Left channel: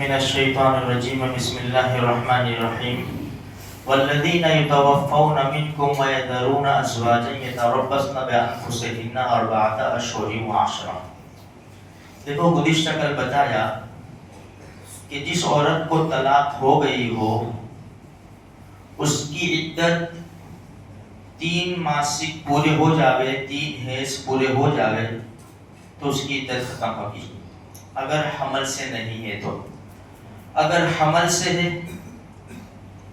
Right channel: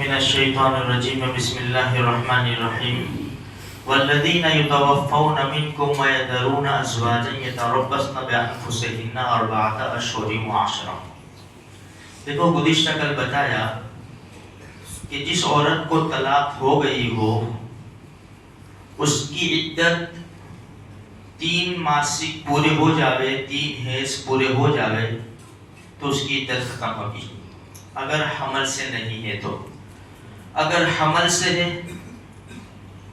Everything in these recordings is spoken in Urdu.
من الشیطان الرجیم بسم اللہ الرحمن الرحیم والذین یتوفون منکم ویذرون ازواجا یتربصن بانفسہن اربعۃ اشہر وعشرا۔ دیکھو گزشتہ کل بتایا کہ جس عورت کو طلاق ہو گئی ہو اس کی عدت 3 ماسک پورے ہو جاوے، 3 حیض پورے ہو جاوے تو اس کی عدت ختم ہوگی، اگر حمل سے نہیں ہے تو۔ اگر حمل سے ہے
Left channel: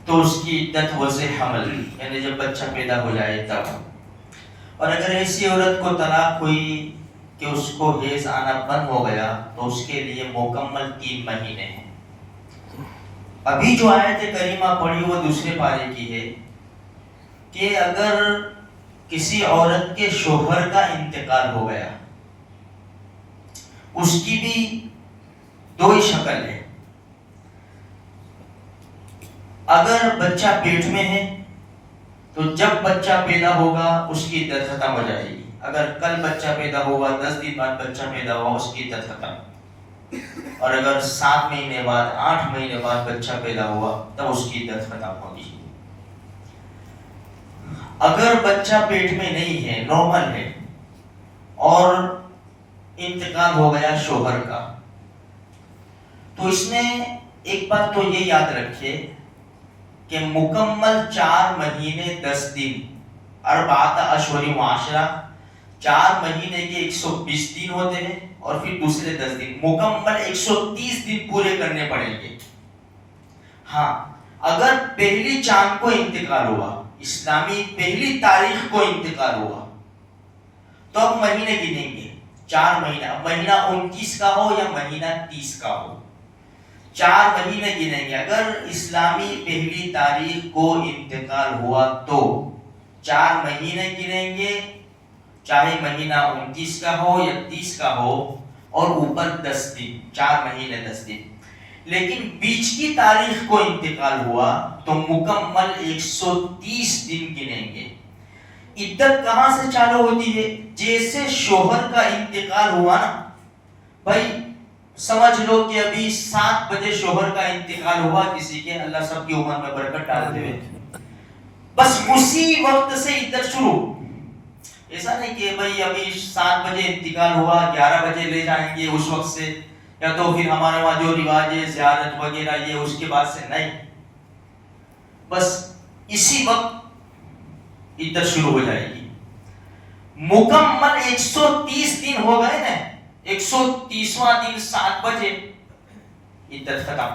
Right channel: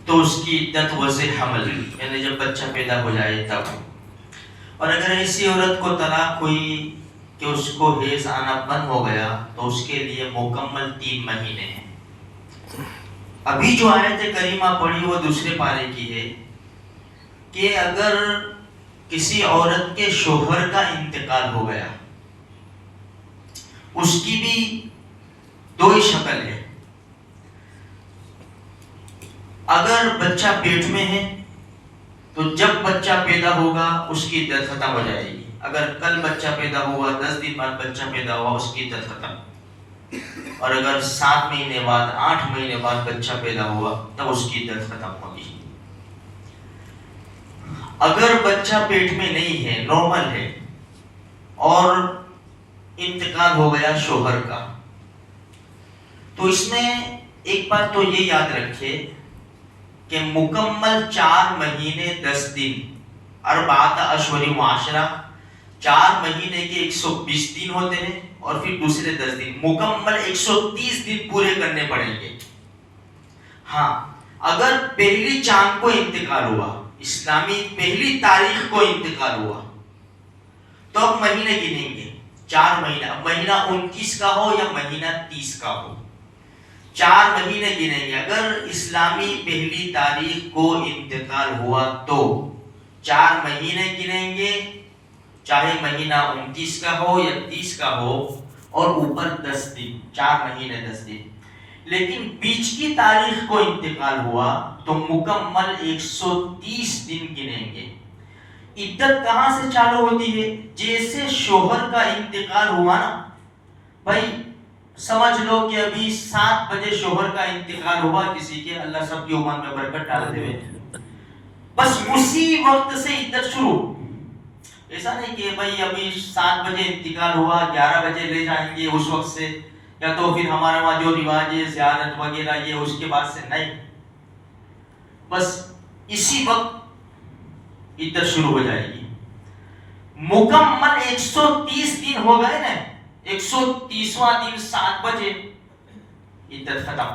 تو اس کی عدت وضع حمل، یعنی جب بچہ پیدا ہو جائے تب۔ اور اگر ایسی عورت کو طلاق ہوئی کہ اس کو حیض آنا بند ہو گیا تو اس کے لیے مکمل 3 مہینے ہیں۔ ابھی جو آیت کریمہ پڑھی وہ دوسرے پارے کی ہے کہ اگر کسی عورت کے شوہر کا انتقال ہو گیا، اس کی بھی 2 ہی شکل ہے۔ اگر بچہ پیٹ میں ہے تو جب بچہ پیدا ہوگا اس کی عدت ختم ہو جائے گی۔ اگر کل بچہ پیدا ہوا، 10 دن بعد بچہ پیدا ہوا، اس کی عدت ختم۔ اور اگر 7 مہینے بعد، 8 مہینے بعد بچہ پیدا ہوا تب اس کی عدت ختم ہوگی۔ اگر بچہ پیٹ میں نہیں ہے، نارمل ہے، اور انتقال ہو گیا شوہر کا، تو اس میں ایک بات تو یہ یاد رکھے کہ مکمل 4 مہینے 10 دن، 4 اشہر وعشرہ، 4 مہینے کے 120 دن ہوتے ہیں، اور پھر دوسرے 10 دن، مکمل 130 دن پورے کرنے پڑیں گے۔ ہاں، اگر پہلی چاند کو انتقال ہوا، اسلامی پہلی تاریخ کو انتقال ہوا، تو اب مہینے گنیں گے 4 مہینہ، مہینہ 29 کا ہو یا مہینہ 30 کا ہو، 4 مہینے گنیں گے۔ اگر اسلامی پہلی تاریخ کو انتقال ہوا تو 4 مہینے گنیں گے، چاہے مہینہ 29 کا ہو یا 30 کا ہو، اور اوپر 10 دن، 4 مہینے 10 دن۔ لیکن بیچ کی تاریخ کو انتقال ہوا تو مکمل 130 دن گنیں گے۔ عدت کہاں سے چالو ہوتی ہے؟ جیسے شوہر کا انتقال ہوا نا، بھائی سمجھ لو کہ ابھی 7 بجے شوہر کا انتقال ہوا کسی کے، اللہ سب کی عمر میں برکت ڈال دے، بس اسی وقت سے عدت شروع۔ ایسا نہیں کہ بھائی ابھی 7 بجے انتقال ہوا، 11 بجے لے جائیں گے اس وقت سے، یا تو پھر ہمارے وہاں جو رواج ہے زیارت وغیرہ یہ اس کے بعد سے نہیں، بس اسی وقت عدت شروع ہو جائے گی۔ مکمل 130 دن ہو گئے نا، 130واں دن 7 بجے عدت ختم۔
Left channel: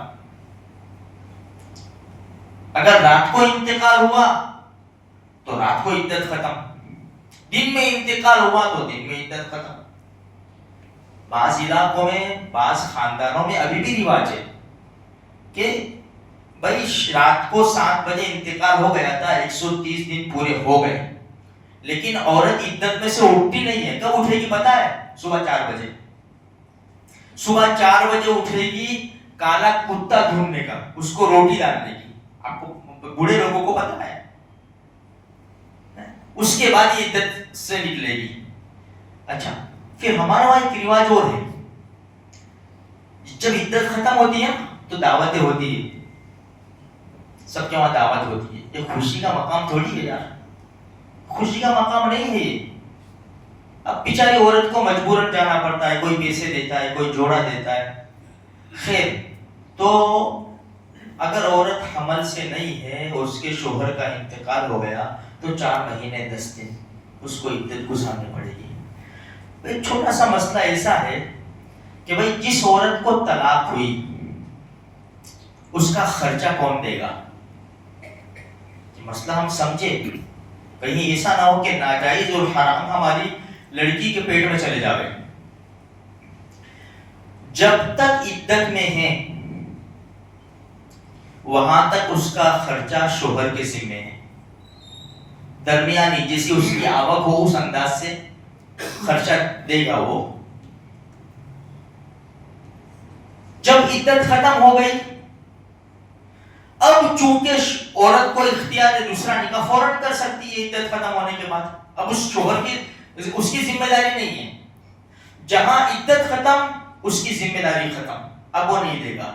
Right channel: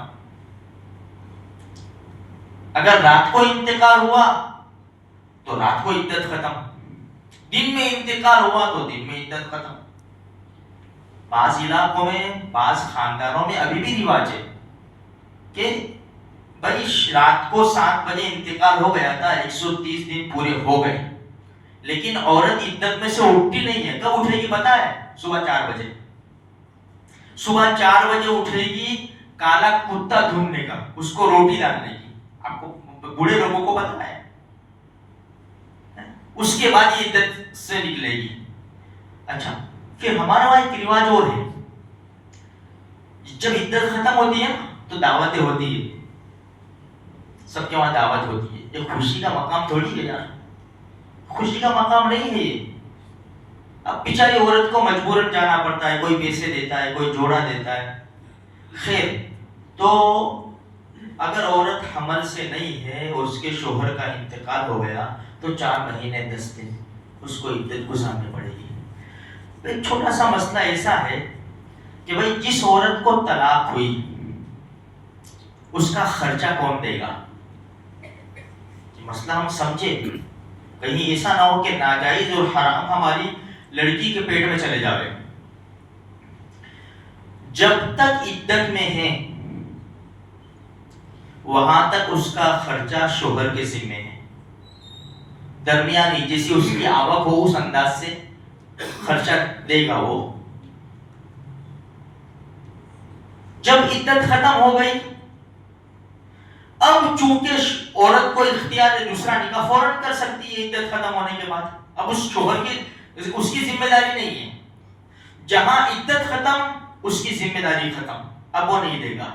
اگر رات کو انتقال ہوا تو رات کو عدت ختم، دن میں انتقال ہوا تو دن میں عدت ختم۔ بعض علاقوں میں، بعض خاندانوں میں ابھی بھی رواج ہے کہ بھائی رات کو 7 بجے انتقال ہو گیا تھا، 130 دن پورے ہو گئے، لیکن عورت عدت میں سے اٹھتی نہیں ہے۔ کب اٹھے گی پتا ہے؟ صبح 4 بجے۔ صبح 4 بجے اٹھے گی کالا کتا ڈھونڈنے کا، اس کو روٹی ڈالنے کی۔ آپ کو بوڑھے لوگوں کو پتا ہے، اس کے بعد یہ عدت سے نکلے گی۔ اچھا، پھر ہمارا وہاں ایک رواج اور ہے، جب عدت ختم ہوتی ہے تو دعوتیں ہوتی ہے، سب کے وہاں دعوت ہوتی ہے۔ یہ خوشی کا مقام تھوڑی ہے یار، خوشی کا مقام نہیں ہے یہ۔ اب بیچاری عورت کو مجبوراً جانا پڑتا ہے، کوئی پیسے دیتا ہے، کوئی جوڑا دیتا ہے۔ خیر، تو اگر عورت حمل سے نہیں ہے اور اس کے شوہر کا انتقال ہو گیا تو 4 مہینے 10 دن اس کو عدت گزارنی پڑے گی۔ ایک چھوٹا سا مسئلہ ایسا ہے کہ بھائی جس عورت کو طلاق ہوئی اس کا خرچہ کون دے گا؟ مسئلہ ہم سمجھے، کہیں ایسا نہ ہو کہ ناجائز اور حرام ہماری لڑکی کے پیٹ میں چلے جاوے۔ جب تک عدت میں ہے وہاں تک اس کا خرچہ شوہر کے ذمہ ہے، درمیانی جیسی اس کی آوک ہو اس انداز سے خرچہ دے گا وہ۔ جب عدت ختم ہو گئی، اب چونکہ عورت کو اختیار ہے دوسرا نکاح فوراً کر سکتی ہے عدت ختم ہونے کے بعد، اب اس شوہر کی اس کی ذمہ داری نہیں ہے۔ جہاں عدت ختم اس کی ذمہ داری ختم، اب وہ نہیں دے گا۔